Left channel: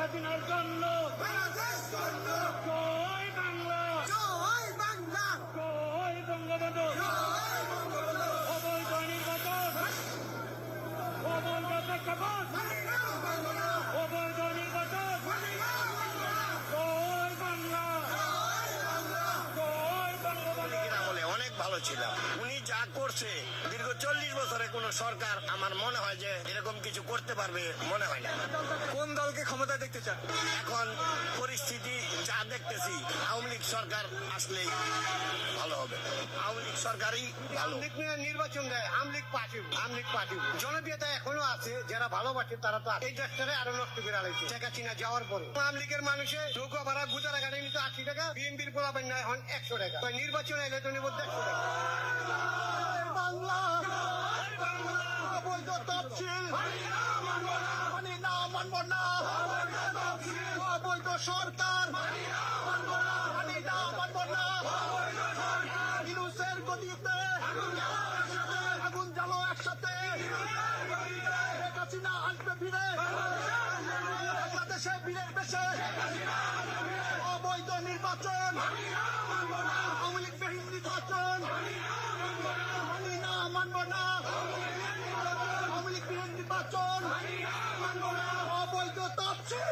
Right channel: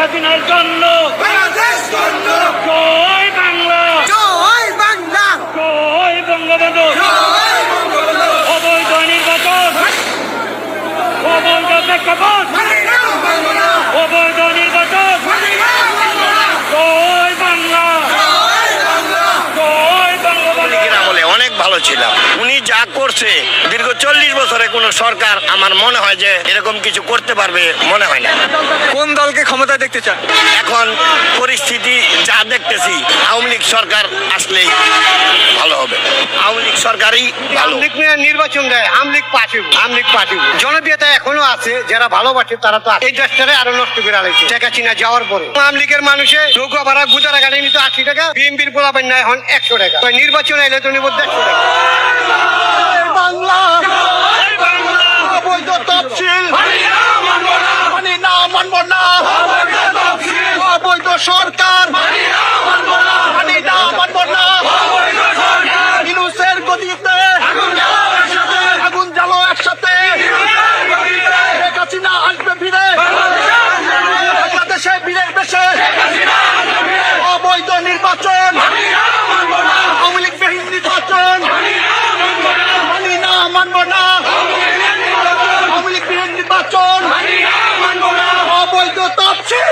হাসিনার জন্য। জয় বাংলা। জয় বাংলা। জয় বঙ্গবন্ধু। অবৈধ নির্বাচন। অবৈধ প্রেক্ষাপট। ভালো ছিলাম। উনি যা করছে দীর্ঘ চল্লিশ বছরে কোন সরকার আমার মনে হয় যে এরকম কিছু করতে পারবে মনে হয় না। কোন দলকে ক্ষমতায় দেখতে চান? এখন পরিস্থিতি যা দেখতেছি আওয়ামী লীগ সরকার আসলেই ভালো হবে। আওয়ামী লীগ সরকারই ভালো। আমলিগ নিয়ে নির্বাচন দেয় আমলিগ পাঠিব আমলিগ পাঠিব জনপ্রিয়তা এখনও আছে যারা ভালোবাসে তারা তো আছে। এই দেশটারে আরও নষ্ট করে আলাইছে। শেখ হাসিনা যাওয়ার পরে। আমলিগের মানুষে নৌকা ভাড়া গুজারা গাড়ি নিত আশি টাকা বিএমপির পোলাপেন নেয় এখন একশো টাকা। নির্বাচন এলে তো নিব দেড়শো টাকা। বাংলা। অবৈধ তফসিল। মানি না মানব না। অবৈধ সরকার। মানি না মানব না। ইনুসের গদিতে। আগুন জ্বালো একসাথে। শেখ হাসিনা আসবে ফিরে। বাংলাদেশে বীরের বেশে অবৈধ নির্বাচন আওয়ামী লীগ বিহীন নির্বাচন মানি না মানব না আওয়ামী লীগ বিরোধী নির্বাচন। অবৈধ তফসিল।